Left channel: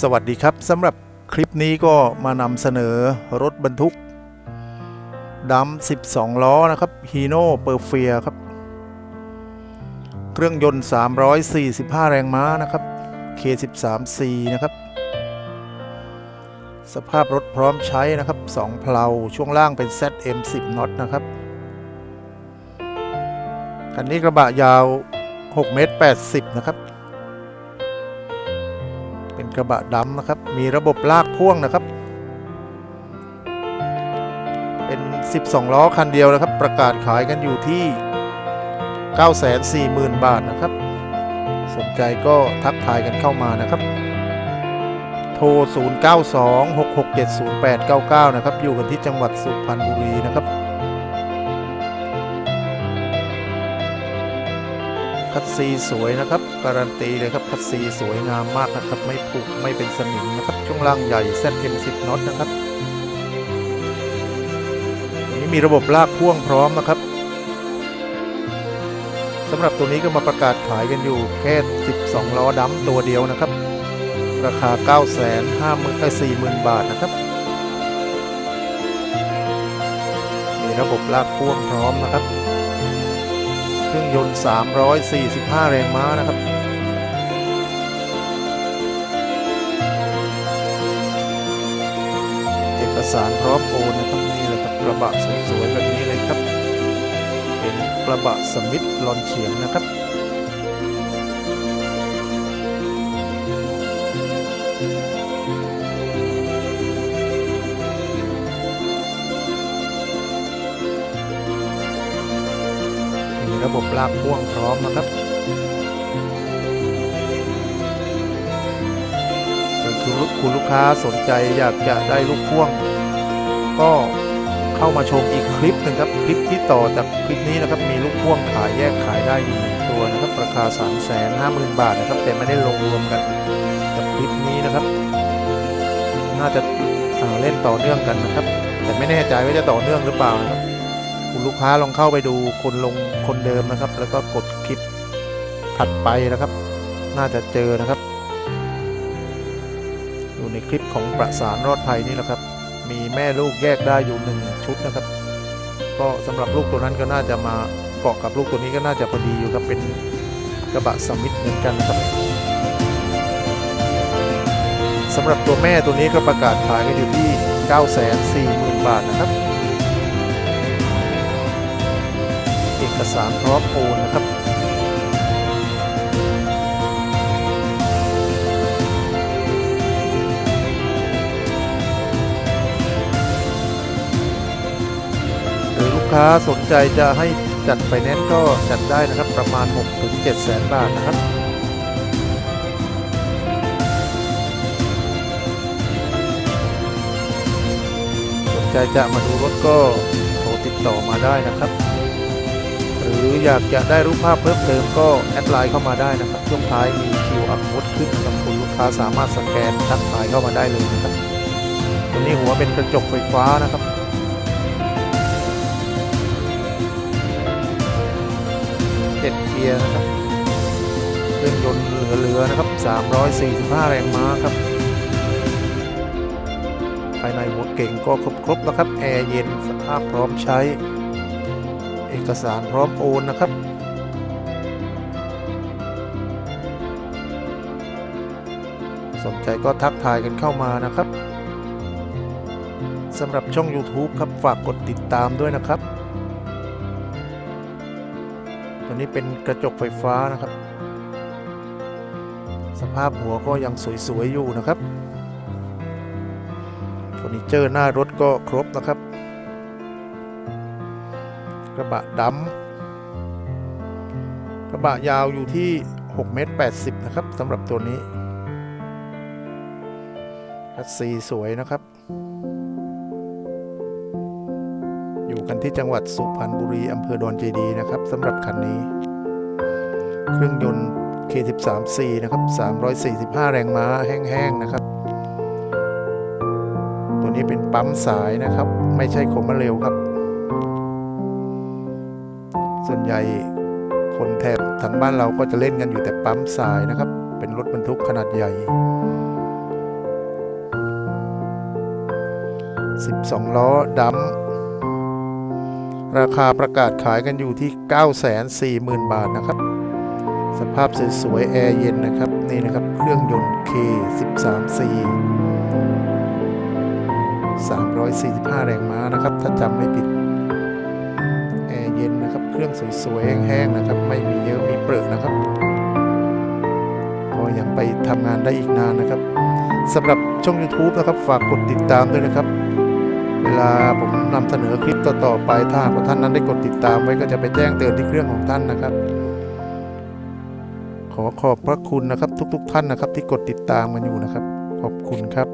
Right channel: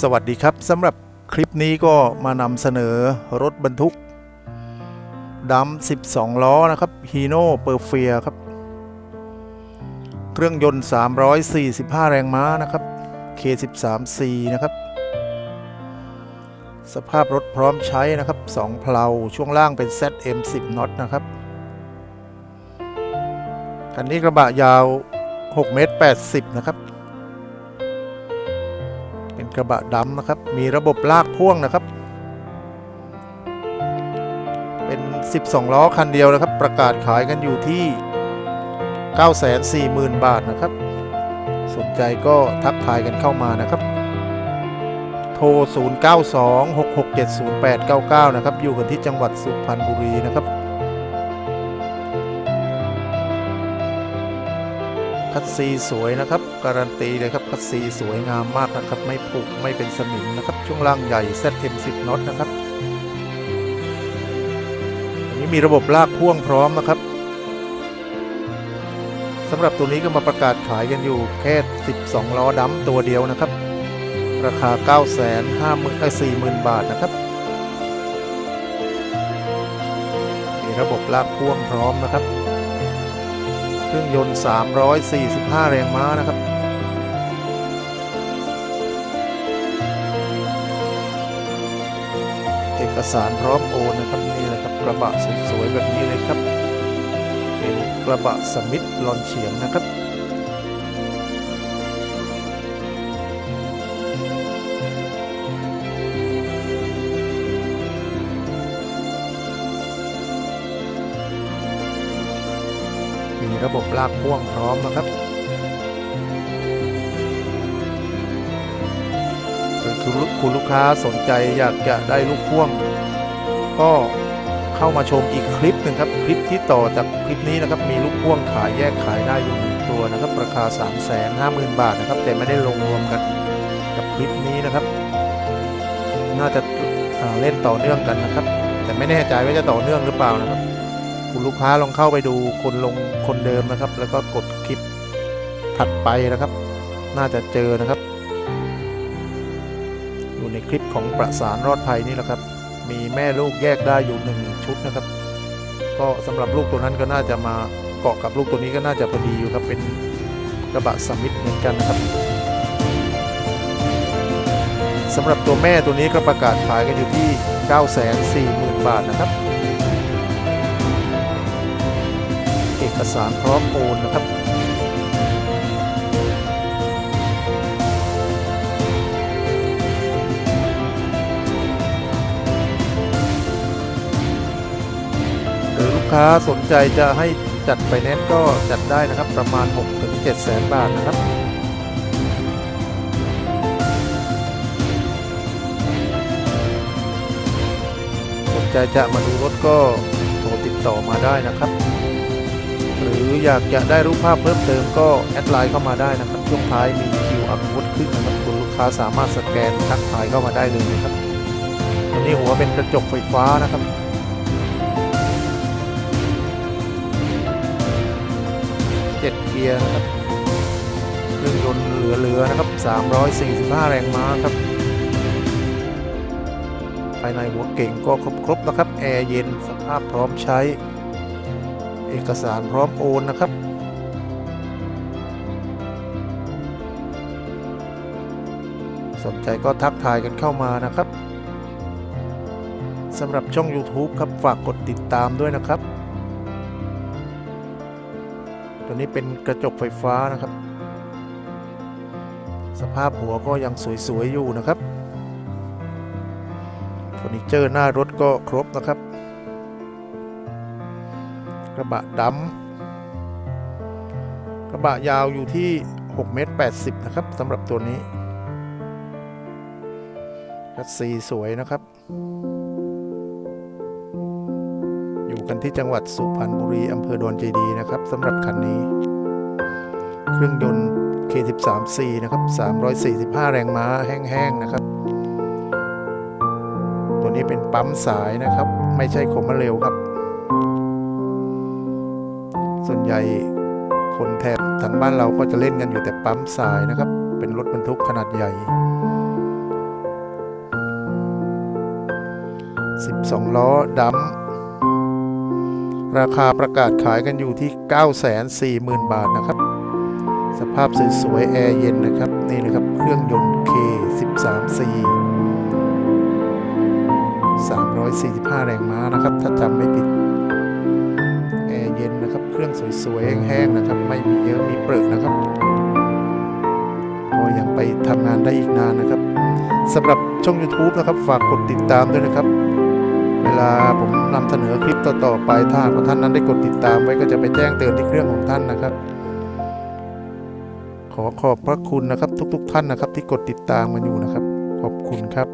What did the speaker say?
สวัสดีครับสำหรับคลิปนี้ก็มานำเสนอรถบรรทุกดำ12 ล้อนะครับฮีโน่เปอร์เฟียครับ เครื่องยนต์ 345 แรงม้านะครับ K13C นะครับ สภาพรถพร้อมใช้นะครับ 2 เพลาช่วงล่างเป็น ZM10 น็อตนะครับคันนี้กระบะยาว 6 เมตร 80 นะครับ เป็นกระบะดำนะครับ มีระบบลากพ่วงนะครับ เป็น 12 ล้อคันเดียวนะครับ ประกาศขายกันอยู่ที่ 940,000 บาทนะครับ สนใจก็ทักทายกันเข้ามานะครับ โทร 0926670899 นะครับ อยู่กันที่จังหวัดสุพรรณบุรีนะครับ คัดซีสวยนะครับ การันตีเลยครับคัดซีสวยงามมากนะครับ ไม่ผุไม่เป็นสนิมนะครับ ช่วงล่างใหญ่ ZM10 น็อตนะครับตัวนี้มีระบบลากพ่วงพร้อมนะครับสำหรับตัวนี้ก็มาประกาศขายกันอยู่แค่ 12 ล้อดัมตัวเดียวนะครับ ราคา 9 5 0 0 0 0เอ้ย40,000 บาทนะครับ มีระบบลากพ่วงพร้อมนะครับ ครื่องยนต์ 345 แรงม้านะครับ เอกสารพร้อมโอนนะครับนี่เลยครับกระบะสวยๆแบบนี้เลยครับ เป็นกระบะสมิธลอนเฉียงนะครับ ระบบลากพ่วงพร้อมนะครับหรือคุณลูกค้าสนใจอยากจะได้ลูกพ่วง ก็เข้ามาชมอีกคลิปหนึ่งครับ คลิปที่ต่อจากคลิปนี้นะครับ มีลูกพ่วงขายแยกขายได้อยู่หนึ่งตัวนะครับ ราคา 3 5 0 0 0 0 บาทนะครับ แต่ไม่ได้ลงรวมกันกับคลิปนี้นะครับ น่าจะาเล่นต่อเนื่องกันนะครับ แต่ไม่แน่ใจว่าจะต่อเนื่องหรือเปล่านะครับ คุณลูกค้าลองเข้าไปดูคนลงคนเดิมนะครับ แล้วก็กดคลิปถัดไปนะครับ น่าจะเจอนะครับ อยู่ในคลิปของประสานรอดภัยนี่แหละครับ มีแม่ลูกแยกได้อยู่หนึ่งชุดนะครับ ก็สำหรับลูกตัวนั้นก็น่าจะมาเกาะกับลูกตัวนี้ก็น่าจะพอดีอยู่ครับเป็นกระบะสมิธเหมือนกันนะครับสำหรับตัวแม่ตัวนี้ก็ประกาศขายกันอยู่ที่ 940,000 บาทนะครับ อกสารพร้อมโอนนะครับหรือลูกค้าสนใจจะให้จัดไฟแนนซ์ก็จัดได้นะครับประมาณ 6-7แสนบาทนะครับสนใจจะมาดูรถก็โทรติดต่อมาได้นะครับ รืออยากจะได้รูปภาพเพิ่มเติมก็แอดไลน์เข้ามาได้นะครับ ช่วงท้ายมี QR code ขึ้นนะครับคุณลูกค้าสามารถสแกนทักทายเข้ามาได้เลยนะครับตัวนี้หัวเป็นกระจกไฟฟ้านะครับเจ็ดเกียร์นะครับเครื่องยนต์เหลือๆนะครับ 345 แรงม้าครับภายในหัวเก่งก็ครบๆนะครับ แอร์เย็นสภาพพร้อมใช้ เอกสารพร้อมโอนนะครับ สนใจก็ทักทายกันเข้ามานะครับสำหรับช่อง YouTube ครับฝากกดติดตามด้วยนะครับ ตัวนี้เป็นกระจกไฟฟ้านะครับ สภาพหัวก็ยังสวย ๆ อยู่นะครับเฟอร์นิเจอร์หน้ารถก็ครบนะครับ กระบะดำกระบะยาวอยู่ที่6เมตร80 นะครับสำหรับตัวนี้คัสซีสวยนะครับ อยู่กันที่จังหวัดสุพรรณบุรีอำเภอดอนเจดีนะครับสำหรับคันนี้ เครื่องยนต์ K13C นะครับ 345 แรงม้าแห้งๆนะครับ ตัวนี้เป็นปั๊มสายนะครับ ไม่ใช่คมเร็วครับ ส่วนใหญ่คนแถบทางบ้านเราก็จะเล่นกันอยู่แต่ปั๊มทรายนะครับ เป็นรถบรรทุกขนาดใหญ่ 12 ล้อดำราคาประกาศขายกันอยู่ที่ 940,000 บาทนะครับ สภาพสวยๆ แอร์เย็นนะครับ นี่นะครับ เครื่องยนต์ K13C 345 แรงม้านะครับ ถ้าจำไม่ผิด นะครับ เครื่องสวยๆแห้งๆนะครับ ไม่มีเยอะมีเปลือกนะครับก็ยังไปทำงานได้อีกนานนะครับสำหรับช่อง YouTube นะครับ ฝากกดติดตามด้วยนะครับ เวลาผมนำเสนอคลิปต่อๆไปถ้าหากว่าท่านนั้นได้กดติดตามไว้ก็จะไปแจ้งเตือนที่เครื่องของท่านนะครับ ขอขอบพระคุณนะครับ ทุกๆ ท่านนะครับ ที่กดติดตามมาอยู่นะครับ ขอบคุณครับ